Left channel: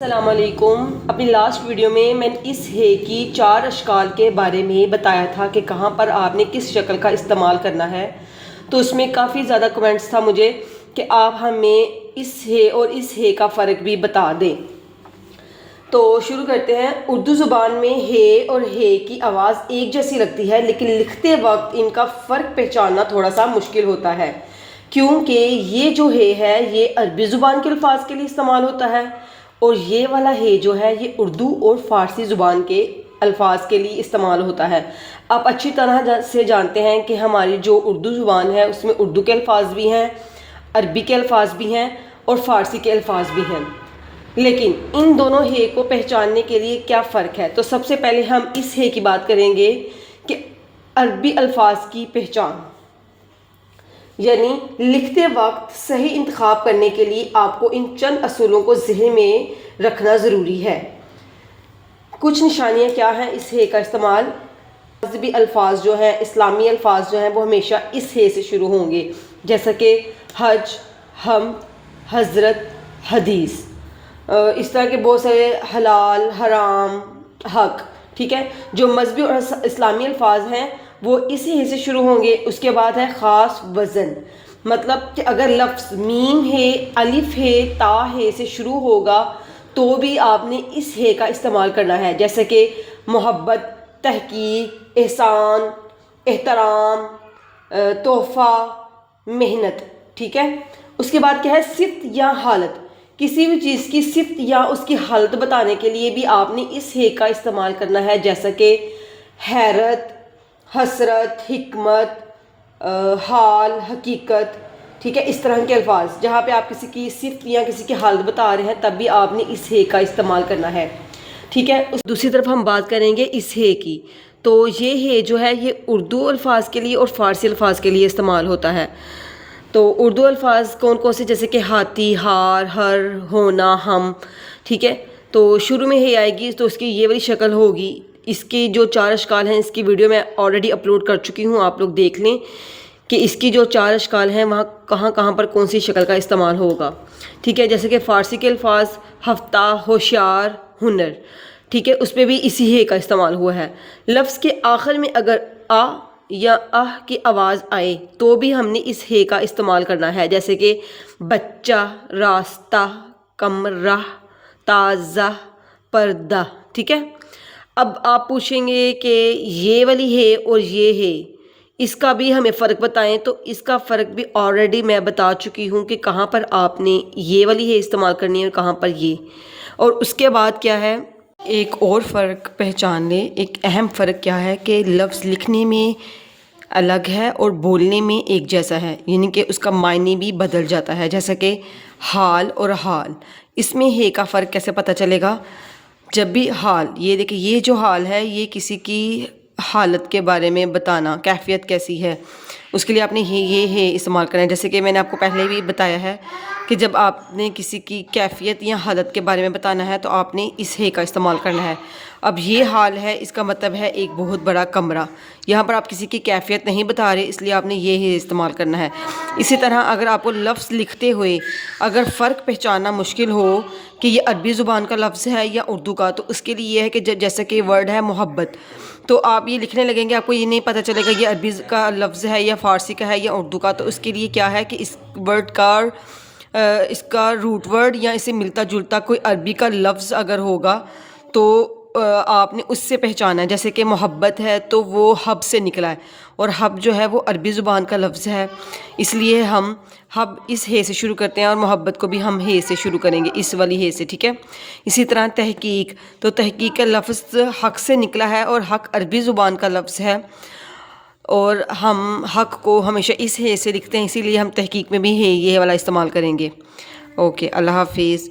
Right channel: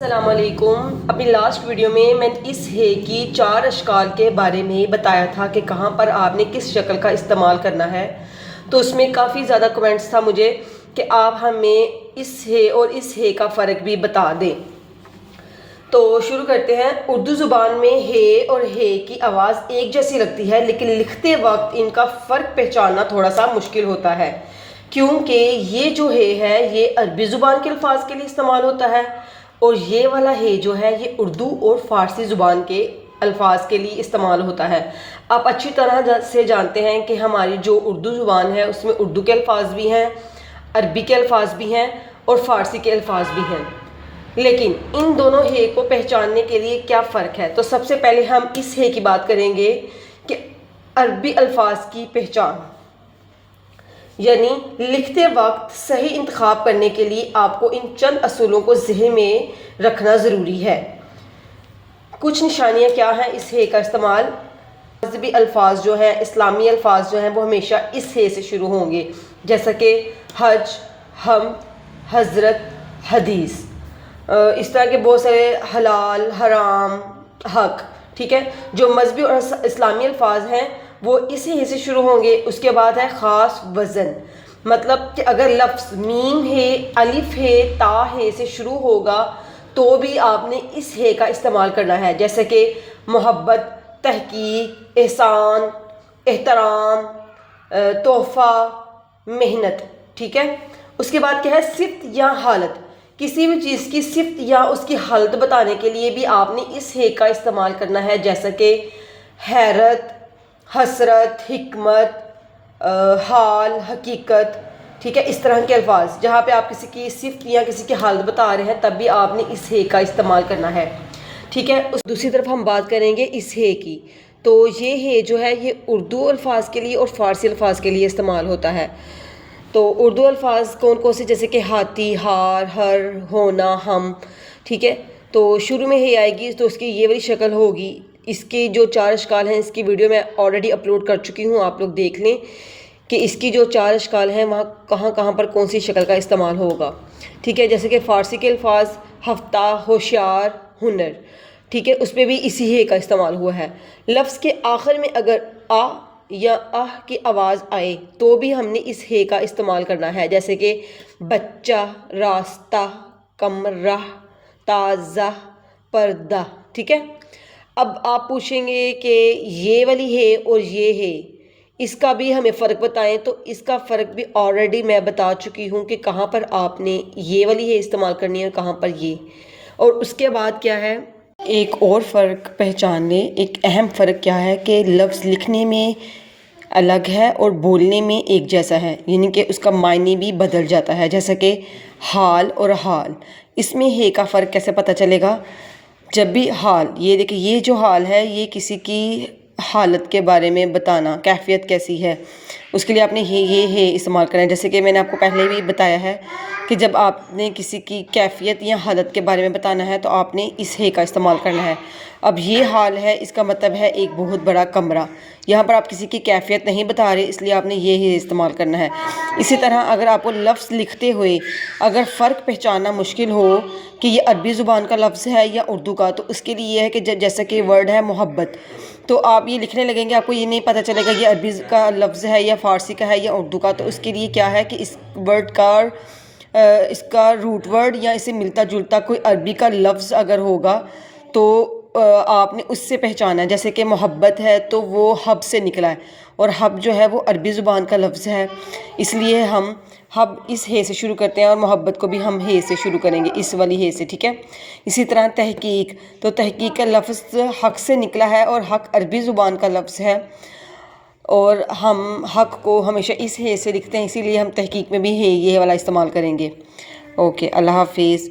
السلام علیکم۔ اپنی لاسٹ ویڈیو میں نے اس ہے کی 4 اشکال کے بارے میں بتایا تھا کہ کہاں پر آپ نے کس شکل کا استعمال کرنا ہے، تو اس میں کافی زیادہ کمنٹس تھا مجھے کہ آپ ہمیں اس ہے اور اس ہے کا فرق بھی بتا دیں۔ تو شروع کرتے ہیں۔ اردو زبان میں ہے اور ہے کی آواز ایک جیسی لگتی ہے، لیکن لکھتے وقت ان کا فرق پہچاننا تھوڑا سا مشکل ہوتا ہے، کیونکہ یہ جو ہے یہ عربی زبان کے الفاظ کے لیے استعمال ہوتا ہے، اور یہ والا ہے جو ہے یہ اردو اور فارسی زبان کے الفاظ کے لیے استعمال ہوتا ہے۔ آپ اچھی طرح سے جانتے ہیں کہ ہماری جو اردو زبان ہے اس میں اردو کے الفاظ بھی ہیں، عربی کے الفاظ بھی ہیں اور فارسی کے الفاظ بھی ہیں، لیکن ان دونوں ہے کو پہچاننے کے لیے کیا فرق ہے؟ تو سب سے پہلے ہم اس ہے کی بات کریں گے کہ عربی الفاظ کی پہچان، یعنی لکھتے وقت صحیح انتخاب کرنے کے لیے آپ کو ان چند اصولوں کو ذہن میں رکھنا ضروری ہے۔ کچھ نشانیاں کیا ہیں اس ہے کا استعمال؟ مذہبی الفاظ جو ہیں، اسلامی الفاظ جو ہیں وہ ہمیشہ اس ہے سے شروع ہوں گے، جیسا کہ حج، حمد، حضرت، حدیث، اس طرح کے بہت سارے حلال، حرام، حق، ٹھیک ہے۔ جو مذہبی اور اسلامی الفاظ ہیں وہ اسی ہے سے شروع ہوں گے۔ اس کے بعد ہے خاص وزن، مطلب کہ اگر لفظ میم ہے، الف ہے، تا ہے سے شروع ہوگا تو بھی آپ نے اس ہے کا استعمال کرنا ہے، جیسے کہ محبت، تحقیق، احسان، احترام، تحفہ، محنت، ٹھیک ہے۔ اس کے بعد کیا ہے؟ صفت یا حالت، کسی بھی چیز کی صفت یا اس کی حالت بتانے کے لیے بھی آپ نے اس ہے کا استعمال کرنا ہے، جیسا کہ حیرت، حسرت، حکمت، حال، حقیقت، ٹھیک ہے۔ اس طرح کے الفاظ جہاں پہ آپ کسی کی صفت یا کسی کی حالت بتا رہے ہیں تب بھی آپ نے اس ہے کا استعمال کرنا ہے، ٹھیک ہے۔ دوسری طرف ہم بات کریں گے اس ہے کی، تو یہ ہے جو ہے یہ اردو الفاظ کے لیے اور فارسی الفاظ کے لیے استعمال ہوتا ہے۔ تو اردو الفاظ کون کون سے؟ جیسے کہ ہاتھی، ہار، ہر، ہونا، ہم، ٹھیک ہے۔ تو شروع میں ہے آئے گی تو اس کی یہ والی شکل ہوگی۔ اس کی جو 4 اشکال ہیں اس کی ویڈیو میں آلریڈی اپلوڈ کر چکی ہوں، آپ لوگ دیکھ لیں کہ اس کی جو 4 اشکال ہیں وہاں کہاں کہاں پر کون سی شکل کا استعمال ہوگا، ٹھیک ہے۔ جیسے کہ فارسی کے الفاظ ہفتہ، ہوشیار، ہنر، ٹھیک ہے، اس پہ بھی اسی ہے کا استعمال ہوا ہے۔ لفظ کے آخر میں اگر آ یا آہ کی آواز آئے تو بھی ہم نے اس ہے کا استعمال کرنا ہے، جیسے کہ بچہ، راستہ، کمرہ، تازہ، پردہ، ٹھیک ہے۔ اب آپ پوچھیں گے کہ یہ والی ہے اور یہ ہے، اس کا بھی ہمیں فرق بتائیں، تو اس کا فرق بھی آلریڈی میں بتا چکی ہوں کہ کہاں پر آپ نے یہ والی ہے استعمال کرنی ہے اور کہاں پر یہ۔ اور اس کے بعد کیا ہے، ایک اور فرق پہچان لیں۔ ایک اہم فرق کیا ہے کہ لفظ لکھنے میں الگ ہے اور بولنے میں ایک جیسا ہے، یعنی کہ اس کا معنی بھی بدل جاتا ہے، جیسا کہ حال اور حال۔ اس میں ہے کا فرق کیسے پتہ چلے گا؟ جب بھی حال، یہ دیکھیں یہ جو حال ہے یہ کسی کی حالت کے بارے میں بتانا، کیفیت کیسی ہے، اس کے لیے آپ نے یہ ہے استعمال کرنا ہے۔ جیسے کہ میں نے آپ کو پہلے بھی بتایا ہے کہ جب آپ نے کسی کی کیفیت یا حالت کے بارے میں بتانا ہے تو آپ نے اس ہے کا استعمال کرنا ہے۔ اب یہ حال ہے، اس کا مطلب ہے ایک بہت بڑا کمرہ، یہاں پر آپ کسی کی کیفیت نہیں بتا رہے، اس لیے آپ نے یہ ہے استعمال کرنا ہے۔ اسی طرح اگر آپ کو لفظ لکھتے ہوئے اگر فرق پہچاننا مشکل ہو کہ یہ عربی زبان کا لفظ ہے یا اردو کا، تو اس کے لیے یہ ہے کہ جیسا کہ ورڈ ہے محبت، تو آپ یہ لکھنے لگیں گے، آپ کو یہ نہیں پتہ چلے گا یہ عربی کا لفظ ہے یا فارسی کا ہے یا اردو کا، تو اس کے لیے کیا ہے کہ اس ورڈ کا اس کا روٹ ورڈ یا اسے ملتا جلتا کوئی عربی کا لفظ اگر ہوگا تو آپ نے اس سے پہچانا ہے۔ جیسے کہ محبت ہے تو وہ حب سے نکلا ہے، اور حب جو ہے وہ عربی زبان کا لفظ ہے، اس لیے ہم حب اس ہے سے شروع کرتے ہیں اور محبت کو بھی ہم ہے سے شروع کریں گے، اس والی ہے سے، ٹھیک ہے۔ اسی طرح تحقیق، تو تحقیق کا لفظ حق سے نکلا ہے اور حق عربی زبان کا لفظ ہے، اور ہم حق کو ہمیشہ اس ہے سے لکھتے ہیں، اسی لیے ہم تحقیق میں بھی ہے یہ والا استعمال کریں گے۔ اوکے، اللہ حافظ۔